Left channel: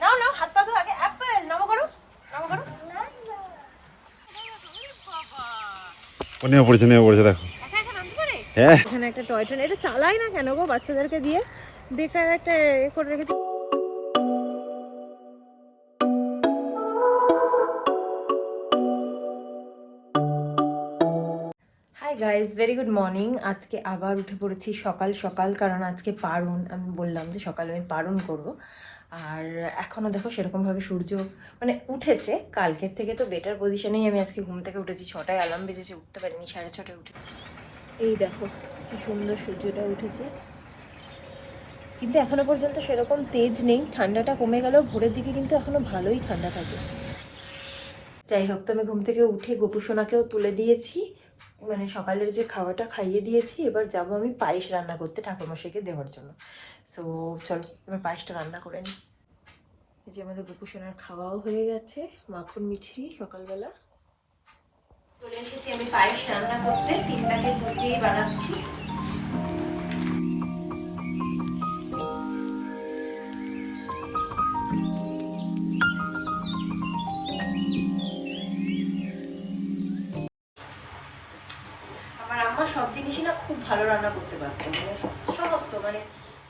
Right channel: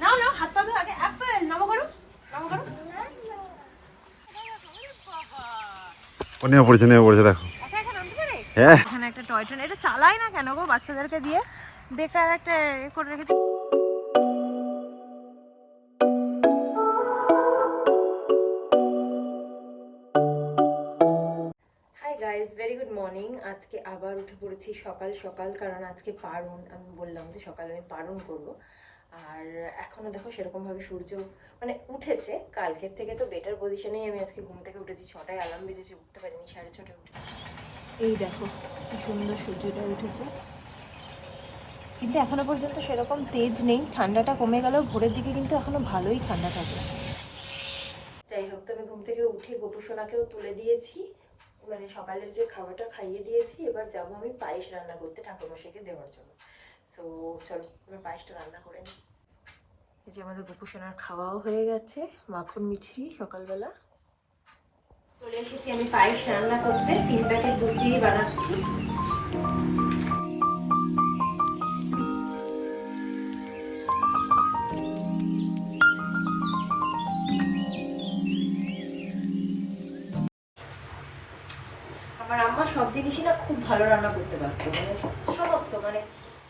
নাও নাও, হাত পা ধো আগে। অ্যাপেল নাও করো, নাও করো। ও নেমে পড়েছে দেখো। একা একা নামতে পারে? হ্যাঁ। এখানে একটা টয় ট্রেন, এটা চালাই না কেন গো বাচ্চাদেরকে দিয়ে? বেকার একটা করে রেখেছে। Hi guys, very good morning. আজকে আবার উঠে পড়েছি সকাল সকাল, কারণ আজকে পারণ। আমি বললাম যে সকালে আমি পারণ করবো। আর এখনও দেখো সেরকমভাবে সূর্য মানে উঠেছে। কালকের থেকে তো বেটার পজিশনেই আমি আজকে ঘুম থেকে উঠেছি। 6টায় অ্যালার্ম বেজেছে, উঠতে পারিনি, 6:30 উঠে। এই দেখো কি সুন্দর সূর্যটা উঠেছে, কিন্তু এখনো পর্যন্ত সেরকম তেজ নেই। ঠান্ডাটা কমে গেলেও ভোরের দিকে কিন্তু এখনো ভালোই ঠান্ডা থাকে। যাই হোক, তো আমি ঘুম থেকে উঠে গোপু সোনাকেও তুলে দিয়েছি, মানে সকালের যে খাওয়াটা খাইয়ে দিয়েছি। এবার যাব আমি পায়েস রান্না করতে ঠাকুরমশাইকে দেওয়ার জন্য। সো চলো এবার পায়েসটা রান্না করে নিই। এই যে আমাদের গোপু সোনার খাওয়াও হয়ে গেছে, মাখন মিছরি সকালবেলা। চলে এসেছি আমি পায়েস রান্না করতে। 3 প্যাকেট দুধ দিয়ে বানাচ্ছি। আমার আম্মা সব জিনিসই না খুব ভালো রান্না করতে পারতো, মানে সমস্ত, মানে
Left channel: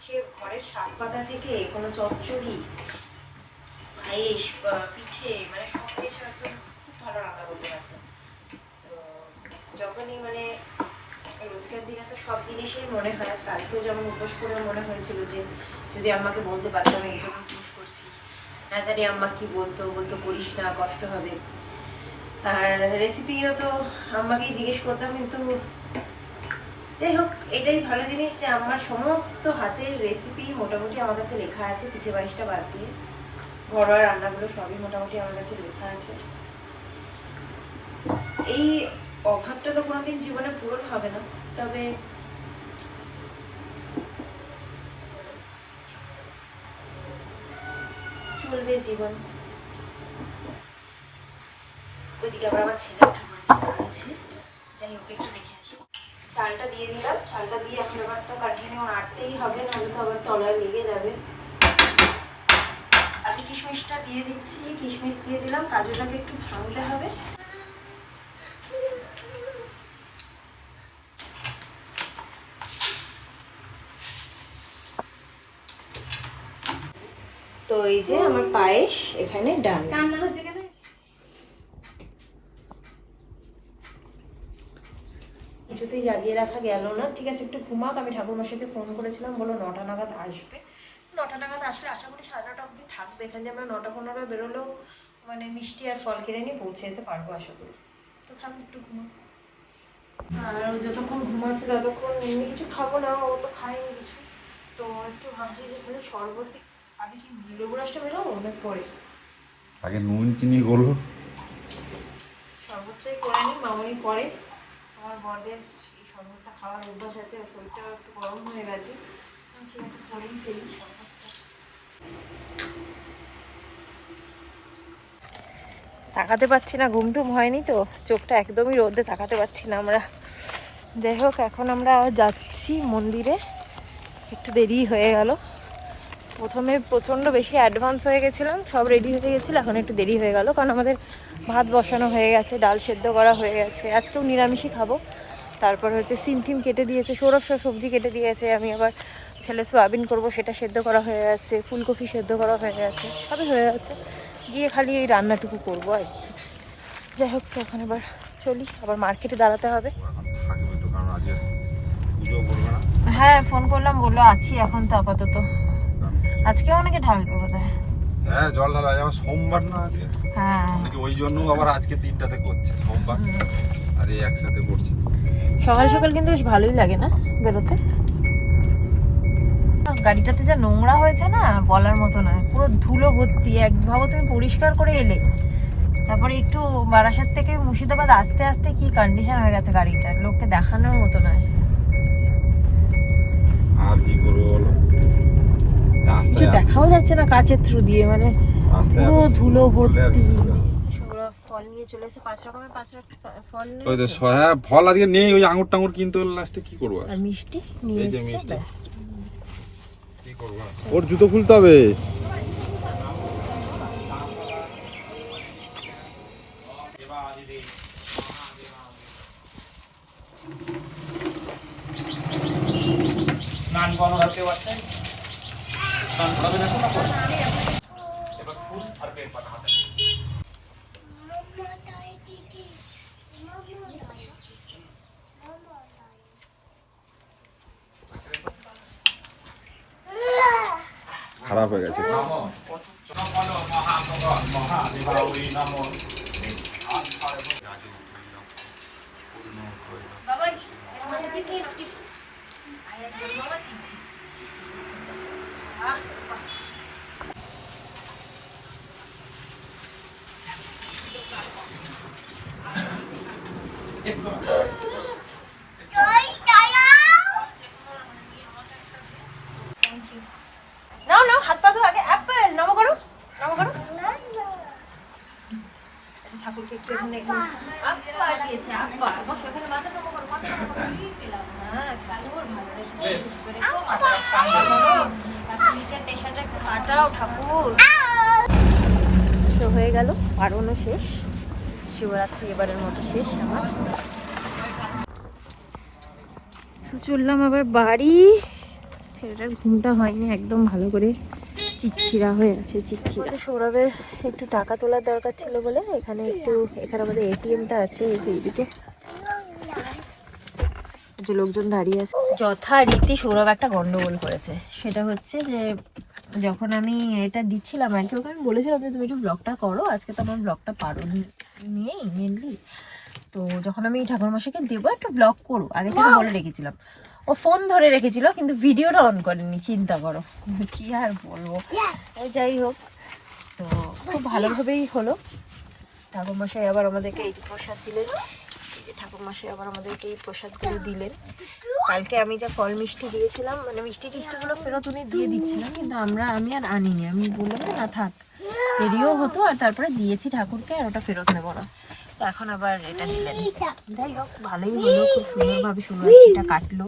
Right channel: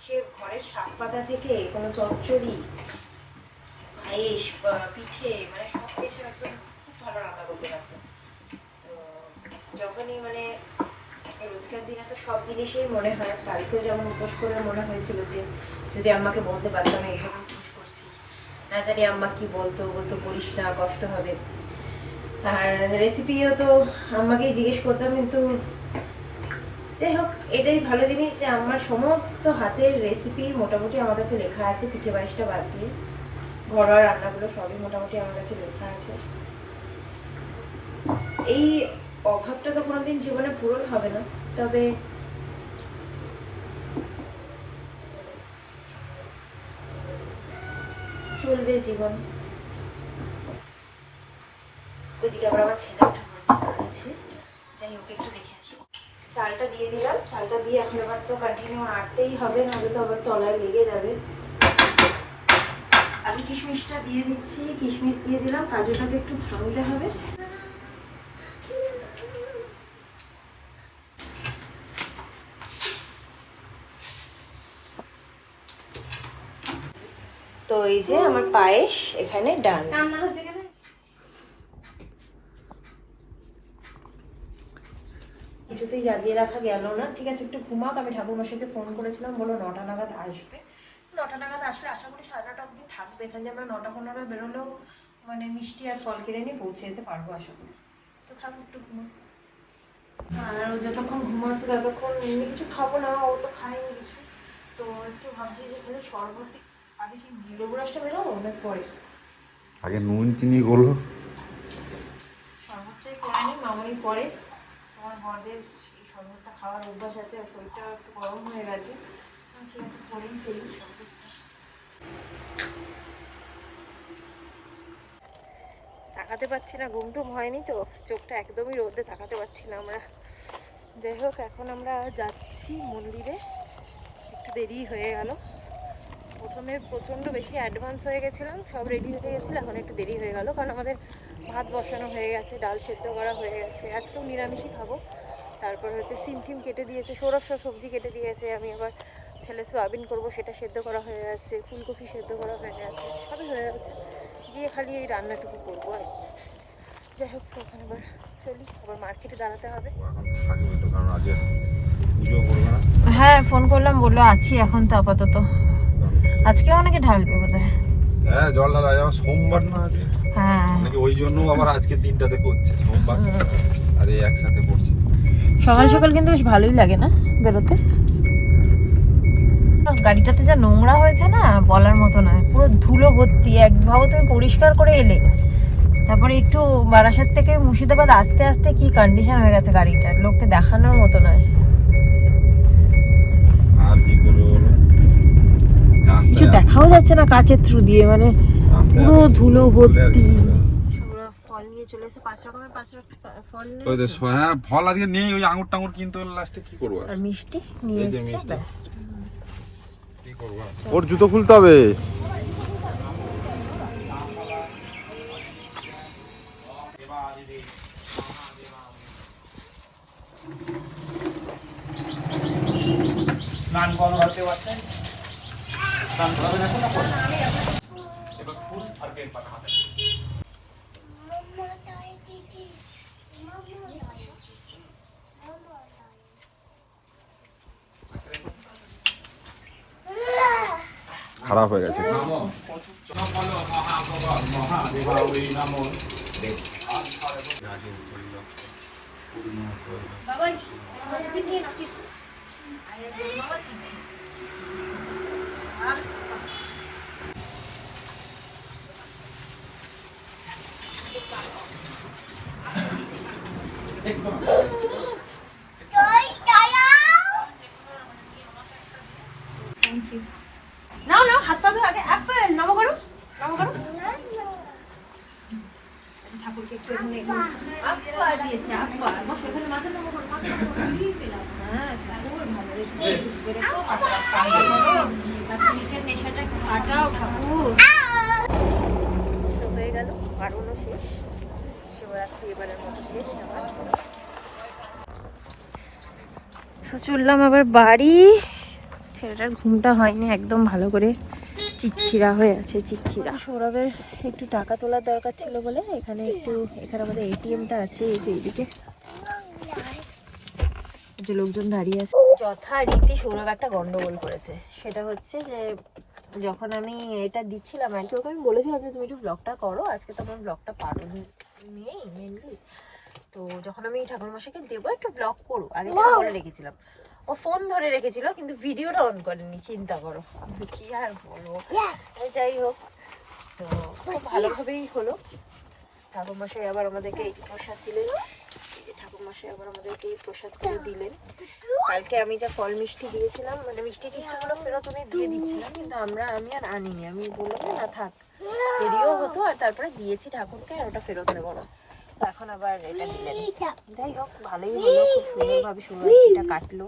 সে ঘরের শাক পাতা থেকে কোনো চচ্চড়ি, পায়েস, পিঠে, মানে সব কিছু একদম খুব ভালো রান্না করতে পারতো। তো যখনই মানে রোজকার দিনে তো সব জিনিসই মনে হয়, কালকেও যেমন উপোস করে মনে হয়েছিল যে যদি আম্মাকে বলতে পারতাম এইভাবে উপোস করছি, না জানি আম্মা কি বলতো, করিস না, কষ্ট হবে। আর রেসিপিও তো আম্মাকেই জিজ্ঞেস করতাম, কিন্তু যাই হোক, এটাই ভালো জিনিস যে আমার সমস্ত হাতের রেসিপি মোটামুটি আমার কাছে লেখা আছে। পিঠে পায়েসটা বাদ দিয়ে ঘরোয়া রান্নাগুলো সবই মোটামুটি আমার কাছে লেখা আছে। এই অভাবটা তো কোনোদিন জীবনে পূরণ হবে না, তবে চলবে জীবন। ওইদিকে আবার আমার ছেলে উঠে পড়েছে, কাঁদছে। যাই হোক, একটু দেখে আসি। চালটা দিয়ে দিলাম, চালটা দিয়ে এখন এবার তো কন্টিনিউ নাড়তেই হবে, নাহলে তো আবার তলায় লেগে যাবে। আমি কিশমিশটা দিয়ে দিচ্ছি, কিশমিশ দিয়ে দিলাম, কাজুটাকে একটু ভাঙতে হবে। তো এই যে আমার পায়েস এখানে ডান। কিছুতেই জাগিয়ে রাখা গেল না। ঠিক আছে, একটু ঘুমাক। আমি ঠাকুরমশাইকে ফোন করেছিলাম, বলো 9টা নাগাদ আসবে। 9টা নাগাদ আসলে আশা করি 9:30 অবধি থাকবে এখানে। যে আমরা 9:15 বেরোলেও মানে মিষ্টি আর ফল কিনে নিয়ে পৌঁছে যেতে পারবো আশা করি। তো থাক, একটু ঘুমাক। আর যতক্ষণ ঘুমাচ্ছে ততক্ষণ এমনি কিছু খাবো না, ও তো খায়নি কিছু। তো একটু ভাবছি যে তাহলে শরবত আগে কি লেবু রসটা বেরোবো অনেক পরে, আগে নুন চিনি করো, শরবতটাই করে নিই। মামনি পরে, আমার বড়দের এই শরবতটা খাওয়ার অভ্যাস আছে, আর শরীরটা একটু গরম হয়ে গেছে। ঠিক আছে, করেই ফেলি শরবতটা। তাকাতে পাচ্ছি না, ঘুম টুম হয়নি তো, চোখটা একদমই রোদে তাকাতে পাচ্ছি না আমরা। যাই হোক, এখন আমরা যাচ্ছি মন্দিরে। একটু দেরি হয়ে গেল। প্রথমে প্রচণ্ড বেশি অ্যাডভান্স হয়ে গেছিলাম, সব রেডি হয়ে গেছিলো। এখন একটু দেরি হয়ে গেল, কারণ আমাদের ভাত বসানো হয়ে গেছে, ডাল সেদ্ধ করা হয়ে গেছে। আজকেও নিরামিষই খাবো। তারপর হচ্ছে সিম টিম কেটে দিয়েছে, সৌরভ সব সবজি কেটে দিয়েছে। আমি আবার ছেলে সোয়াবিন করবো, সেটা সেদ্ধ করা হয়ে গেছে। ফুলকপি সেদ্ধ করা হয়ে গেছে, সবই হয়ে গেছে। গিয়ে খালি এই রান্নাটুকু করবো আর কি। যাই হোক, ওখানে এবার চলি, আবার মার্কেটে দাঁড়াতে হবে। হ্যাঁ, ফোন করলাম, বললো আছি এখন তো আপাতত। আজকে অনেকে ঢালবে বোধহয়। হ্যাঁ, জল ঢালা যাবে সোমবার না আজকে। হ্যাঁ, ওই জন্য আবার আজকে দিনটাতে করছে, সোমবার আর এই একসাথে করছে। সকাল সকাল কিন্তু বেশ ভালোই লাগে না বেরোতে। গাড়িটাতে যা নোংরা হয়েছে না, বলার মতো না, পুরো ধুলো ভর্তি। ভাবো তুমি পরিষ্কার করে এলে, তারপরে একটু বারাসাত থেকে মুর্শিদাবাদ আসতে আসতে কি কন্ডিশন হয়ে গেছে গাড়িটার, লোককে দেখানোর মতো নয়। আর কি করবো বলো, কিছু দেখাও যাচ্ছে না কাচের থ্রু দিয়ে, মানে পুরো ধুলো ভর্তি। ফল নিয়ে চলে এসে 5 রকমের 5 ফল নিয়ে। ওই তো হ্যাঁ, ফল আজকে নেই, ওই আঙুর টাঙুর কিনতে হলে লাস্টে কি করবো আর মিষ্টি নিয়ে এসেছে, ব্যাস। কি ওর জুতো খুলতে হবে। স্নান করানো হতে পারছে, স্নান করাবে না কোনো করে। খারাপ হয়ে গেছে। নাও নাও, হাত পা ধো আগে। অ্যাপেল নমো করো, নমো করো। আচ্ছা, ঠাকুরকে একটু এখানে আপা দিয়েছে, আপা। আমার ওখানে মাথা নমো করো, মাথা নমো করো। পেলাম। হ্যাঁ, ঠাকুর ভালো রেখে। আর নিচের নেশাটা একটু কাটাও ঠাকুর। হয়ে গেল, পারণও শেষ। শিবরাত্রি এবারের মতো শেষ আমার। চললাম আবার বাড়ি। ছেলেটার ঘুমটা হয়নি একদম ভালো করে, চিচ্ছিরা হয়ে আছে, চিচ্ছিরা। সৌরভের একটু টাকা তোলার দরকার ছিল বলে এখানে আমাদের এটিএমটা আছে, এই যে এইদিকে যে লোকজন দাঁড়িয়ে আছে। যথারীতি সৌরভ একটা গন্ডগোল করেছে। সেটা হচ্ছে যে যখন আমি এটা দিচ্ছিলাম আর কি, ওকে আমি বলেছিলাম যে তুমি একটু ব্লগটা করো, আজকে তো আমার ব্লগটা পারণ নিয়েই মেনলি। তো যখন আমি ঠাকুরমশাইকে দেবো একটা ব্লগ করো, আগে থেকে বলে রেখেছিলাম। ও ফোন ধরে রেখেছিল কিন্তু ভিডিওটা অন করেনি, চিন্তা করো, কি আর বলবো। যাই হোক, তো খুব ভালোভাবেই হলো। ঠাকুরমশাই আবার আমাদেরকে এই যে প্রসাদ দিলেন, ঠাকুরমশাই আবার আমাদেরকে এই প্রসাদগুলো দিলেন। কালকে আমি যা ফল মিষ্টি দিয়েছিলাম, মানে মিষ্টি টিষ্টিগুলো ফেরত উনি দিয়ে দিচ্ছিলাম, কিন্তু আমি আর আনিনি। আমি বললাম না থাক, দেরিও হতো, আর তারপরে দিয়েছি ঠাকুরকে, আর ওটা ফেরত নেবো না। তো এখন আবার এটা দিলেন। যাই হোক, ভালোই হলো, খুব সুন্দরভাবে সুন্দরটা কাটলো।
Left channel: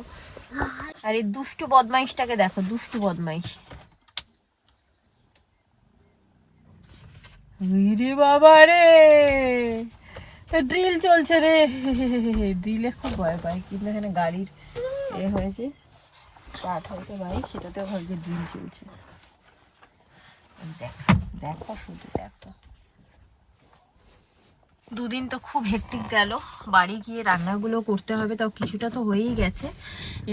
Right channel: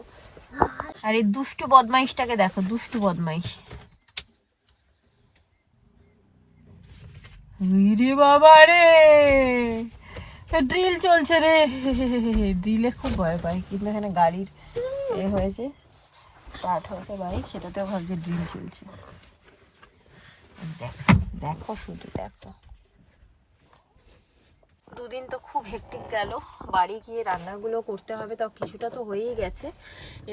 আর এই দুষ্টু বদমাইশটাকে দেখো, দুষ্টু বদমাইশ। রে বাবা রে, ড্রিল চলছে রে। ড্রিলে খুব ভয় পাই, কিন্তু এখানে গাড়ির হয়েছে, স্টার্ট হয়েছে বাড়ি, সেটাতেও ভাবছি ড্রিল চলছে। দেখো শুধু দেখো। দুদিন তো খুব হেক্টিক গেল। বাড়ি গিয়ে রান্নাগুলো করতে হবে, তাও কিছুটা তো হয়েই গেছে।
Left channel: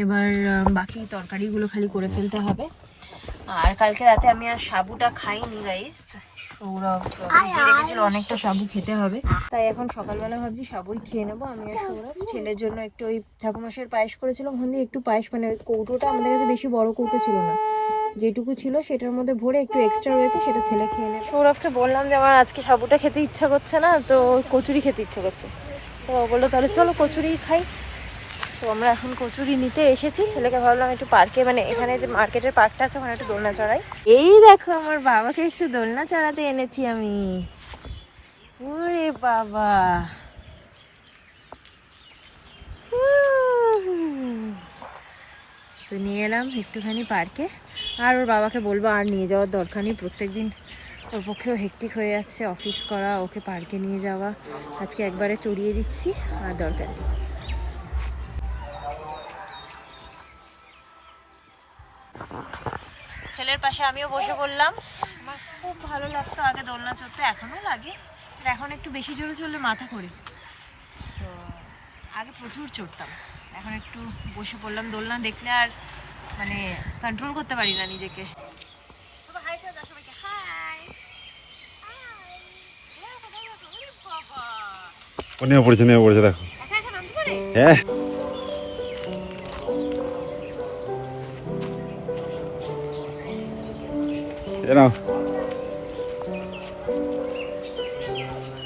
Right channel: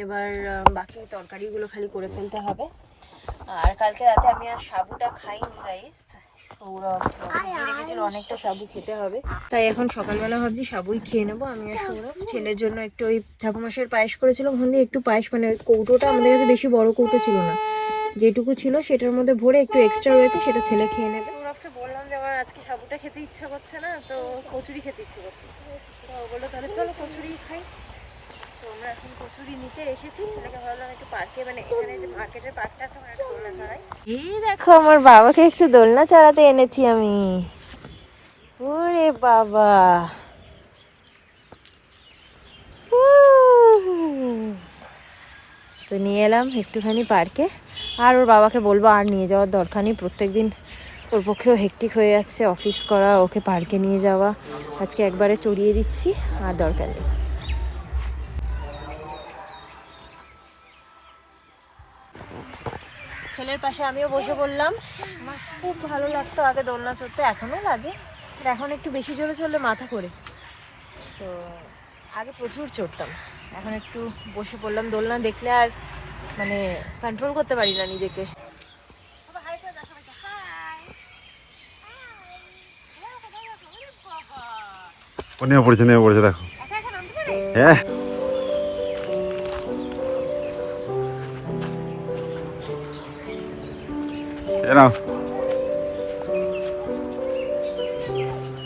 এবার বাকি তরকারিগুলো খালি করে ফেলতে হবে। আর কালকে রাতে আমি আর সাবুটা খাইনি রাইস। সৌরভ ভিজিয়ে রেখেছিল, অনেকটা সাবু খেতে হবে, তাই এখন সকালবেলা ভাবছি সাবুই খেয়ে নেবো আমি আর সৌরভ। ছেলের জন্য একটু ওই ঠাকুরমশাইয়ের পায়েস করেছিল, ওখান দিয়ে একটু পায়েস, মানে ওই কৌটোটা আমাদের কাছে বেশি বড় কৌটো ছিল না, যেটুকু ছিল সেটার মধ্যে ভরে একটু এক্সট্রা রয়েছে, সেটা ছেলে খেয়ে নেবে। সৌরভকে বললাম যে আমার আজকে সাবুটা খেতে ইচ্ছা করছে না, তো কচুরি খেতে ইচ্ছা করছে। তো বললো তাহলে চলো কচুরি খাই। তো আমরা এখন কচুরি নিতে এসেছি। ছেলেকে ভাবলাম একটু পার্কে, মানে এখানে যে মার্কেটের পার্কটা আছে ওখানে একটু দোলনা চড়াই। এই দেখো, আমার বাবাকে একটু দোলনা চড়াতে এনেছি আমি। ওরে বাবা, তো নিয়ে এলাম একটুখানি পার্কে। আর ওর বাবাকে বলবো আর নিয়ে যাওয়ার দরকার নেই, প্রত্যেকদিন ওর পক্ষেও হেক্টিক হয়ে যাচ্ছে অফিস করা, ওকে পার্কে নিয়ে যাওয়া। আজকে একবারে চড়িয়ে দিচ্ছি, আর দরকার নেই। ছেলের পাশে আমিও বসে পড়লাম। আমার খুব ভালো লাগতো আগে দোলনা চড়তে, এখনও লাগে, আর এখন একটু বেশি জোরে চললে মাথা করে। তো আগে প্রচুর চড়তাম, এখন একটু বসে পড়লাম। দোলনা দেখলে আর মানে কন্ট্রোল করতে পারি না নিজেকে। নেমে পড়েছে দেখো। হ্যাঁ,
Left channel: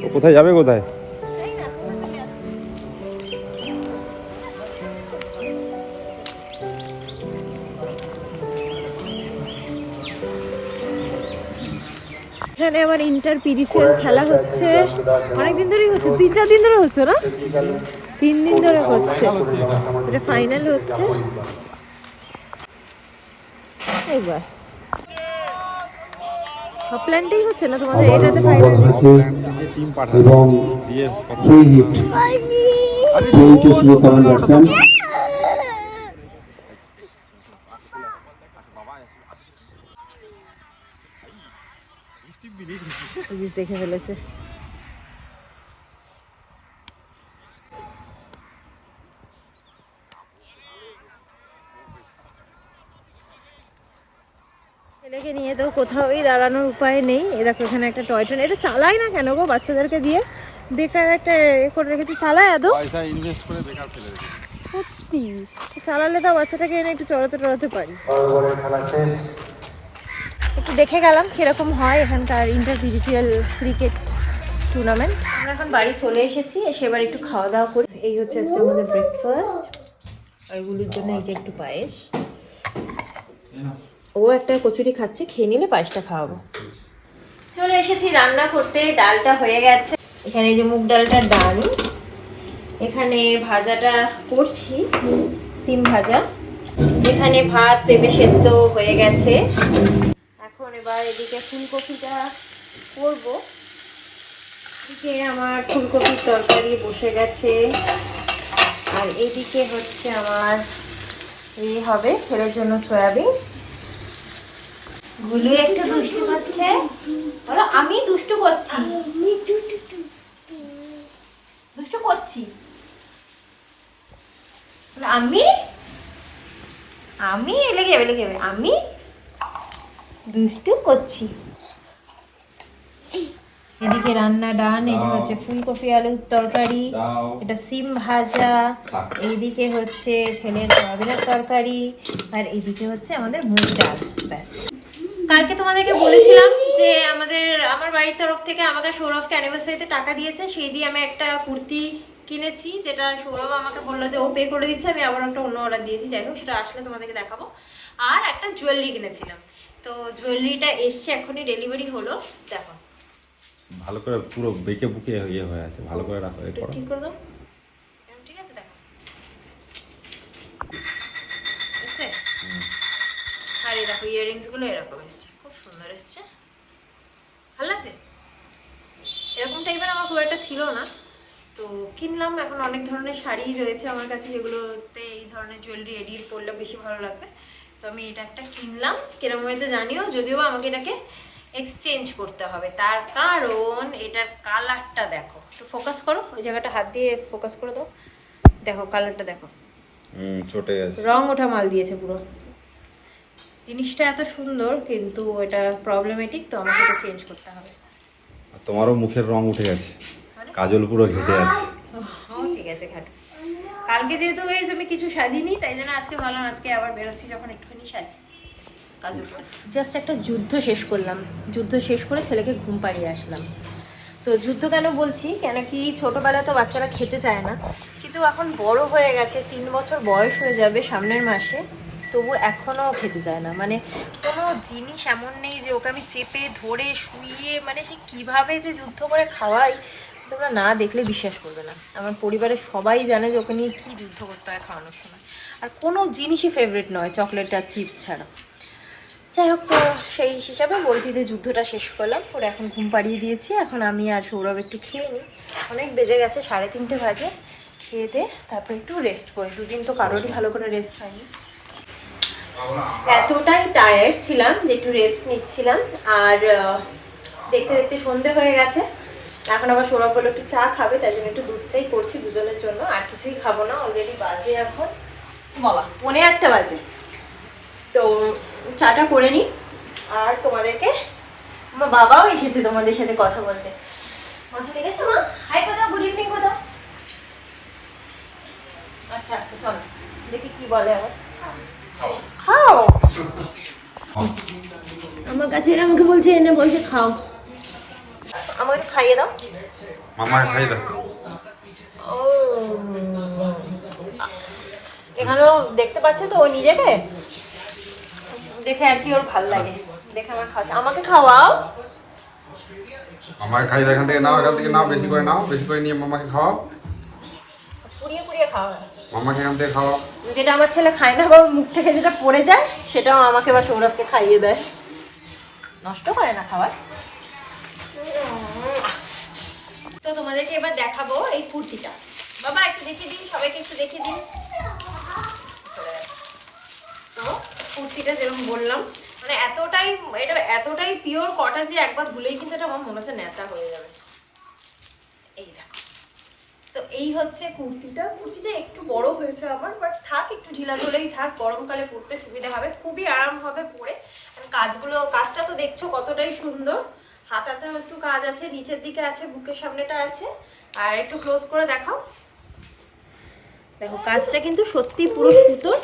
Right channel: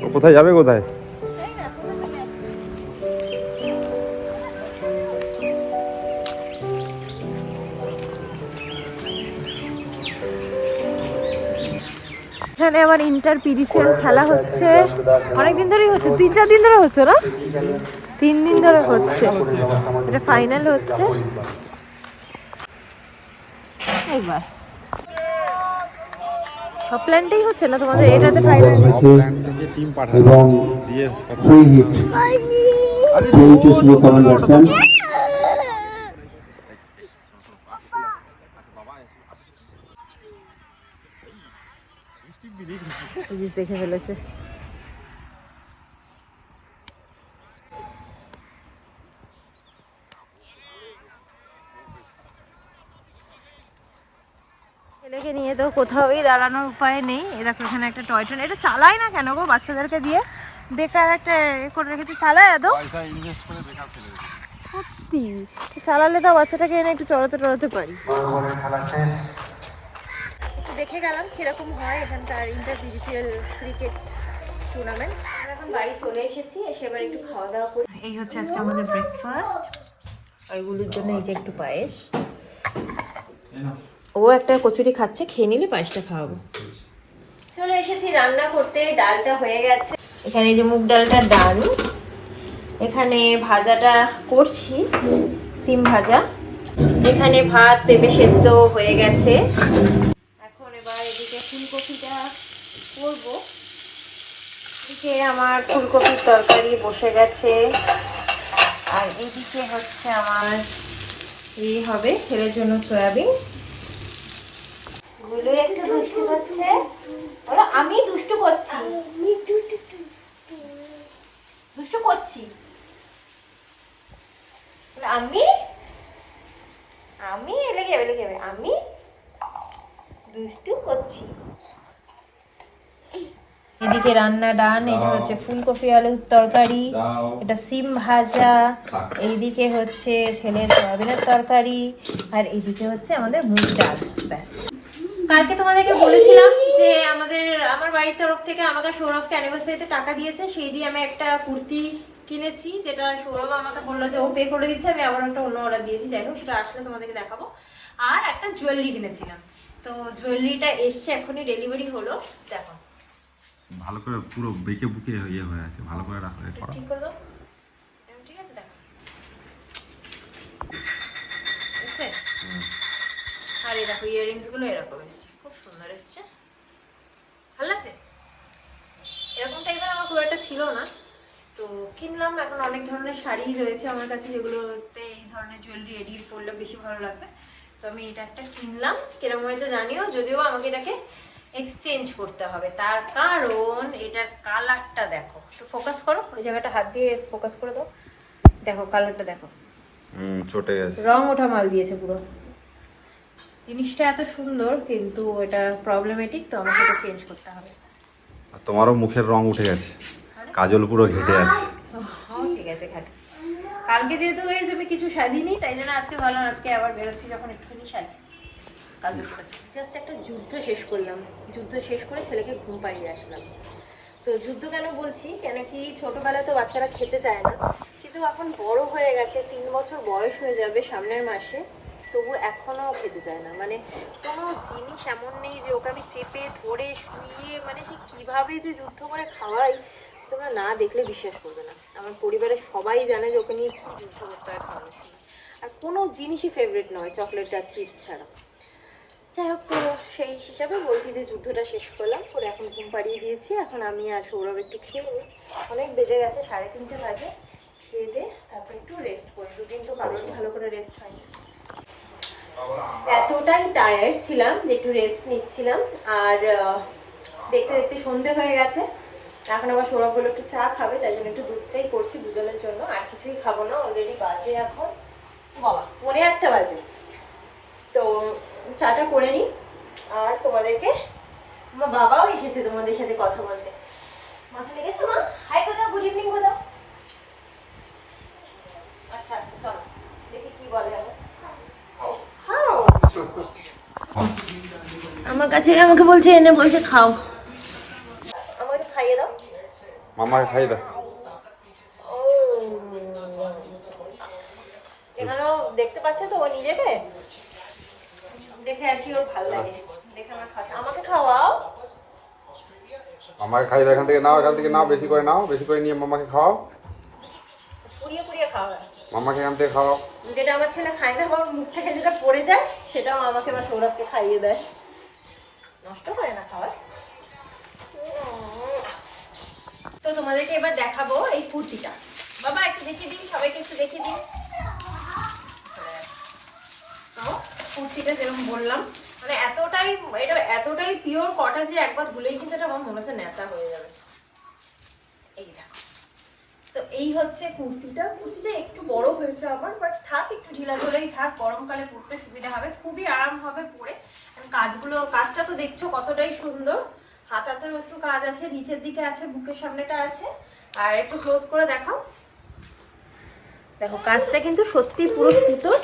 ও কোথায় যাবে, কোথায়? এখানে আমার ইন্টার পিরিসিয়াল খেলা হচ্ছে, অনেকদিন ধরেই হচ্ছে, 3-4 দিন ধরে হচ্ছে না, 3 দিন ধরে হচ্ছে, এটা ফাইনাল হচ্ছে। এই বাস সব প্ল্যানটাই হচ্ছে না তোমাদের এটাতে ফাইনাল টিম এবং দিয়ে free hit to slow comment batsman দেখে ফেলেছে। ছেলেকে নিয়ে তো কোথাওই দাঁড়ানোর উপায় নেই। এ দেখো এখানে একটা টয় ট্রেন, এটা চালাই না কেন গো বাচ্চাদেরকে দিয়ে? বেকার একটা এ করে রেখেছি, চালায় আদৌ? পয়সা ইনভেস্ট করে বেকার ফেলে রেখেছে। সত্যি চালালে তো বাচ্চাটাকে এনে একটু চড়াতে টড়াতে পারি। একটু দেখে গেলাম কিরকম হয় এখানকার ইন্টারপিজিসিয়াল ক্রিকেট টুর্নামেন্ট। আমরা এখন বাড়ি চলে এসেছি, এসে এবার একটু খাওয়া দাওয়া করি। এই হচ্ছে আজকে আমাদের ব্রেকফাস্ট। আর এগুলোর জন্য এই যে একটু পায়েস। ও একটা কচুরি খাচ্ছে, খেয়ে নিলে পায়েসটা খাওয়াবো। চলে এসেছি রান্না করতে, ডালটা হয়ে গেছে। এখানে এই যে মুগ ডালটা ডাল, এখানে ভাজাটা করছি সিম ভাজা, এখানে ভাত পেঁপে সেদ্ধ হয়ে গেছে। এখন এবার এদিকে ফুলকপিটা করব। এদিকে আমার ফুলকপির তরকারি বসে গেছে, আর এদিকে হচ্ছে আমার এই হবে ছেলের জন্য সয়াবিন। গুলু একটু দুষ্টু করছে, বলো আমি দুষ্টু করছি, দুষ্টু করছি, আমি আমি লেগে যাবে আমি দুষ্টু করছি। এদিকে রান্না ডান, এখানে হচ্ছে ফুলকপি আলুর তরকারি, এটা সিম ভাজা, এইদিকে হচ্ছে ছেলের সয়াবিনের তরকারি, আর এইদিকে হচ্ছে আমাদের মুগ ডাল। ব্যাস। কালকে তোমাদেরকে বলেছিলাম যে আমার বাড়ির তরফ থেকে আমাকে সৌরভকে অ্যানিভার্সারিতে টাকা দিয়েছে, সেই দিয়ে আমি একটা কুর্তি কিনেছি, যেটা সৌরভ আমাকে বললো যে ও পে করে দিচ্ছে, আমি আবার একটা অন্য অর্ডার দিয়েছি। যাই হোক, সেটা আসলে তোমাদেরকে দেখাবো। আর একটা জুয়েলারি কিনেছিলাম, তো জুয়েলারিটা এসছে, এখনই ডেলিভারি হলো। দেখো ভালো করে পুরো বেঁকে বুকে ইয়ে হয়ে আছে, ভালো করে রাখো। একটু ঠিক করে দাও, ঠিক আছে? দেখো এসছে। আর এই দেখো ইয়াররিংস গুলো এরকম এসছে, খুব সুন্দর এসছে, ভালো লাগছে। এরকম টাইপের আমার খুব একটা ছিল না, তো কিনলাম। এখন অনেক ধরনের শাড়ি রয়েছে আমার কাছে, যেগুলোতে এই ধরনের জুয়েলারি এডিট করলে বেশি ভালো লাগবে। তো আমি এটা একটা কিনলাম, কিরকম হয়েছে জানিও। যদিও আমাকে এটাকে এক্সচেঞ্জ করতে হবে, তার কারণ এটার কালারটা দেখো। একটু ফোকাস করো, ওই জায়গাটা হাত দিয়ে ফোকাস করে দাও। দেখো কালারটা দেখো, চটে গেছে, রং ওঠা মাল দিয়েছে পুরো। জিনিসটা এত সুন্দর, কিন্তু এটা প্রবলেমেটিক, তো আমাকে এটা চেঞ্জ করতে হবে। তোমারও মুখের রং উঠে গেছে, কাজল পুরো ঘেটে আছে। ঠিক আছে ঘাট। কালকে যেহেতু আমি কিছু সাজিনি, তাই জন্য আজকে ভাবলাম আজকে আবার বেরোচ্ছি যখন একটুখানি সাজি, কাজল করেছি। জাস্ট একটা যুদ্ধ শেষ করলাম, যুদ্ধ শেষ করে ছেলেকে ঘুম পাড়িয়ে আসলাম। তো যুদ্ধ কেন বলছি, কেন কি ছোটবেলায় তো বাচ্চারা খেতে চায় না, কিন্তু এখন বড় হয়ে গেছে, 3 বছর বয়স হয়ে যাবে সামনের মাসে, তবু এখনও খেতে চায় না। মানে কোনো জিনিস এমন নেই যে ওকে আমি চেপে ধরে শুইয়ে, মানে সে কীভাবে যে যুদ্ধ করে খাওয়াই, তোমরা না দেখলে বিশ্বাস করবে না। আমার পরিবারের সবাই জানে যে ওকে নিয়ে কী যুদ্ধ করতে হয় খাওয়ানোর সময়। আর কোনো জিনিসই ফেভারিট নয় চকলেট আর চিপস ছাড়া। যাই হোক, তো সেই হিসাবে বলছি যে যুদ্ধটা শেষ করলাম, পরে এখন ঘুম পাড়িয়ে দিয়েছি। এখন আমি আর সৌরভ একটু খেয়ে নিই, অনেক বেজে গেছে, 3:30 বাজে। খেয়ে দে তারপর একটু রেস্ট করি, দুদিন তো কারোরই ভালো করে রেস্ট হয়নি। এতটাই টায়ার্ড ছিলাম যে একটু রেস্ট নিচ্ছিলাম। আর দেখতে দেখতে সন্ধে হয়ে গেছে। এখন আবার সৌরভ বলে একটু চা খাবে, তাই জন্য একটু দুধ চাই করছি দুজনের জন্য, আর কিছুই খাবো না। অলরেডি বাজে এখন বাবা 1:45 বাজে, তো চাটা করে নিই। আর তোমাদেরকে, আমার বাবাও এসেছে তোমাদের সাথে কথা বলতে। কথা লেগেছে মা? হাই কোথাও, গুড ইভিনিং কোথাও। আচ্ছা আচ্ছা, চলো দেখি কি বলে আবার। খাও, আমার কাছে আমাকে বলছে, এনে বলছে খাও, আমাকে একটু খাইয়ে দাও। মামাকে খাই দাও। ও এখানেও দেখতে পাচ্ছে তো ও নিজেকে দেখে, আর কি ওর ভাল লাগে দেখে আমার খাওয়া। আমাকে খাওয়াও। মামাকে খাই দাও, এখান থেকে নাও, এখান থেকে নাও, বেশি করে নাও, বেশি করে নিয়ে মামাকে খাওয়াও। ও পুড়িয়ে পুড়িয়ে খাওয়া হয়। আমাকে এখান থেকে খাওয়াও। যেটা আমার ছেলে খায় না, আবার মুখ থেকে যেটা পড়ে যায় সেটাও আমাকে বা সৌরভকে খাইয়ে দেয়। নষ্ট করে না খাবার। তো তোমাদেরকে এবার দেখাবো এই কুর্তিটা। বাবা একটু দেখিয়ে দিন, সবাইকে একটু দেখিয়ে দিন। তো কুর্তিটা যেরকম বললাম, মানে এতটাই পিওর কটন যে একবার ধুলেই কিন্তু এটা আমার মনে হচ্ছে ন্যাতা হয়ে যাবে। এই দেখো, তো এই হচ্ছে কুর্তিটা একটু বড় হয়েছে আমার, বাট থাক, একটু ঢিলা ঢোলাই থাক, গরমকালে পরতে সুবিধা হবে, খুবই আরাম হবে পরে। কাজটা তো দেখছো কতটাই সুন্দর, হাতাতেও একটু কাজ আছে, নিচের দিকে আছে, বুকের সামনেটা আছে। আর একটু ক্লোজ করে দেখাও, দেখো কাজটা কিন্তু সত্যি পুরো সুতোর,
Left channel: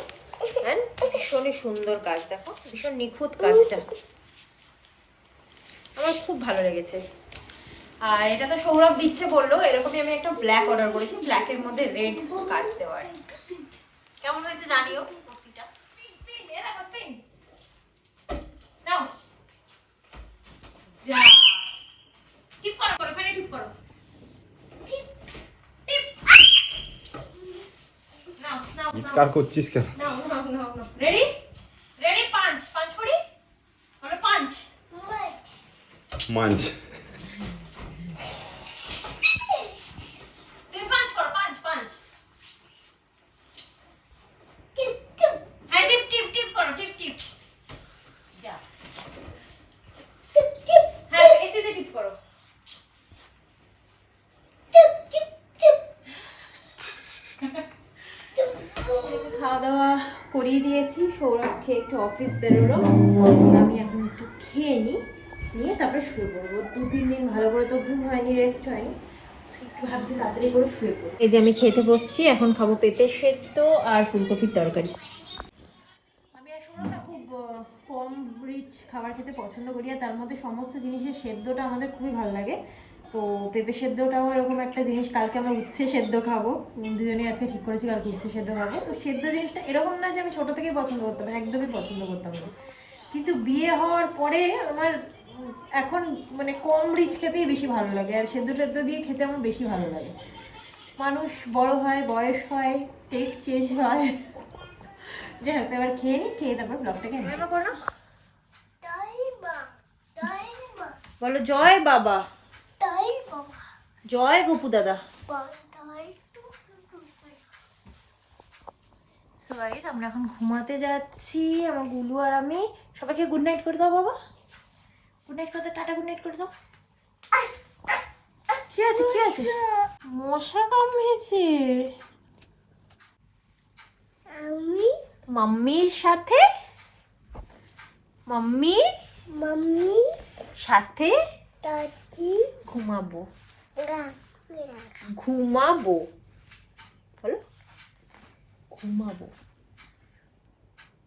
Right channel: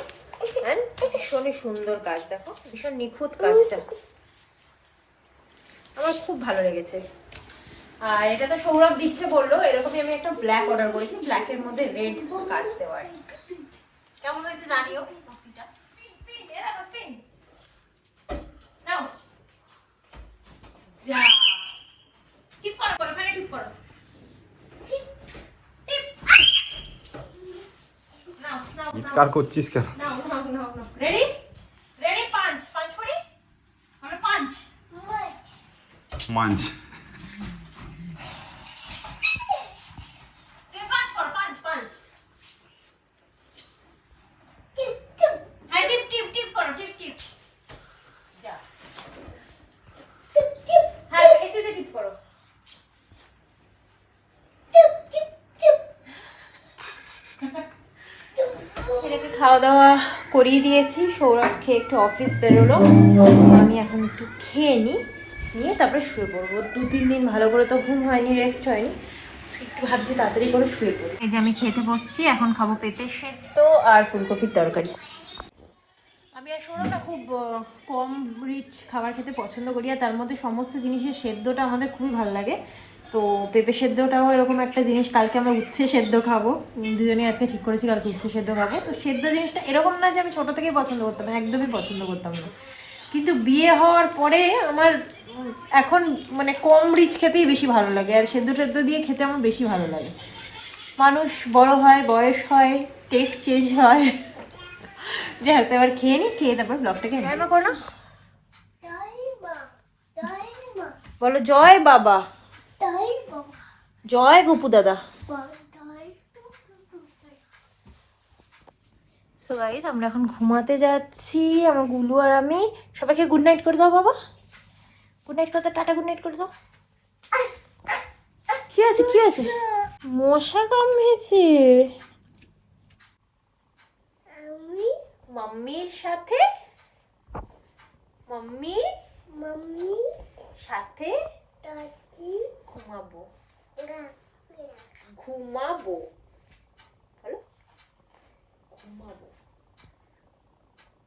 ভীষণই সুন্দর কাজ, দেখো ভীষণ নিখুঁত কাজটা, আমার খুব ভালো লেগেছে। আর এটা তো সৌরভ দিচ্ছে বললো, এরকমই আমি একটা ব্ল্যাক অর্ডার করেছি, ব্ল্যাকের মধ্যে রেড কাজ দেওয়ার। কেমন হয়েছে জানিও কুর্তিটা। নাও যা, টিপ করো করো, ফেলে টিপ করো, টিপ টিপ। নাও নাও নাও চিৎকার করছিস কেন? নাও নাও নাও নাও, রেডি রেডি, পাঁচ করি, আমরা পাঁচ মাঞ্চ। তুমি পাঁচ করো, পাঁচ। হ্যাঁ টিপ টিপ টিপ করো, টিপ যা, হ্যাঁ এসিতে টিপ করো। এটাকে খাওয়া দাওয়া করিয়ে দিয়েছি, সৌরভ খেয়ে একটু অফিস বেরোলো, আমি এখন একটু খেয়ে নিয়ে তারপরে শুয়ে পড়বো। 2-3 দিন ভালো করে তো ঘুম হয়নি, রেস্ট হয়নি, একটু ভাবছি তাড়াতাড়ি করে শুয়ে পড়ি। এই যে আমি খেতে বসছি, এখন খাবো পেঁপে সেদ্ধ আর ফুলকপির তরকারি। আমি আসলে না খুব কম রিচ খাবার খেতে পছন্দ করি, আর তার মধ্যে সমস্ত জিনিসের সেদ্ধটা আমাদের খুবই ভালো লাগে। তো পেঁপে সেদ্ধটাও এরকম একটা জিনিস, কালকে আমরা উচ্ছে সেদ্ধ খাবো, দুজনেই আজকে ঠিক করেছি কালকে উচ্ছে সেদ্ধ খাবো। তো সেদ্ধ জিনিসটা এরকম না যে আমি ছোটো থেকেই পছন্দ করতাম, একদমই পছন্দ করতাম না, কিন্তু বিয়ে হওয়ার পরে আমার এখন মানে কম রিচ খেতেই বেশি ভালো লাগে, আর সেদ্ধ দিয়ে খেতে আমার বেশি ভালো লাগে। মানুষ বড় হয়, বয়স হয়, টেস্ট চেঞ্জ হয়। যাই হোক, এবার খেয়ে তারপর ব্লগটাকে করো। বলো জয় বাবা, জয় গোপু দাদা। তো গাইস, আমরা এখন ঘুমাতে যাচ্ছি, আমার গুলু আর আমি। সবাইকে গুড নাইট করে দাও বাবা, গুড নাইট করে দাও, টাটা গুড নাইট করে দাও। কি আছে মশা কামড়েছে মাম্মির সাথে, মাম্মির সাথে ঘুমাবো বলো, ঘুমাবো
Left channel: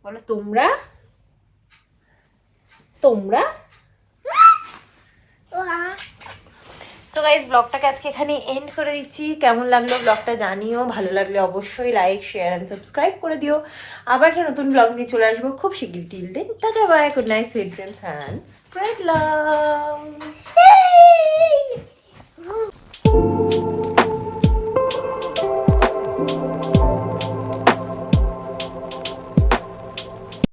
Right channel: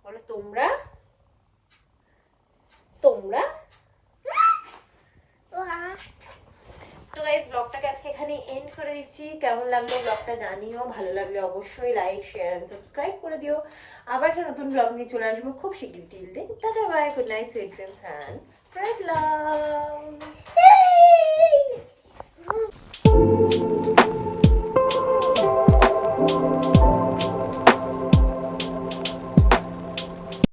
বলো, তোমরা সো গাইস, ব্লগটাকে আজকে এখানে এন্ড করে দিচ্ছি। কেমন লাগলো ব্লগটা জানিও, ভালো লাগলে অবশ্যই লাইক, শেয়ার এন্ড সাবস্ক্রাইব করে দিও। আবার একটা নতুন ব্লগ নিয়ে চলে আসবো খুব শিগগিরই। Till then tata bye, good night, sweet dreams and spread love.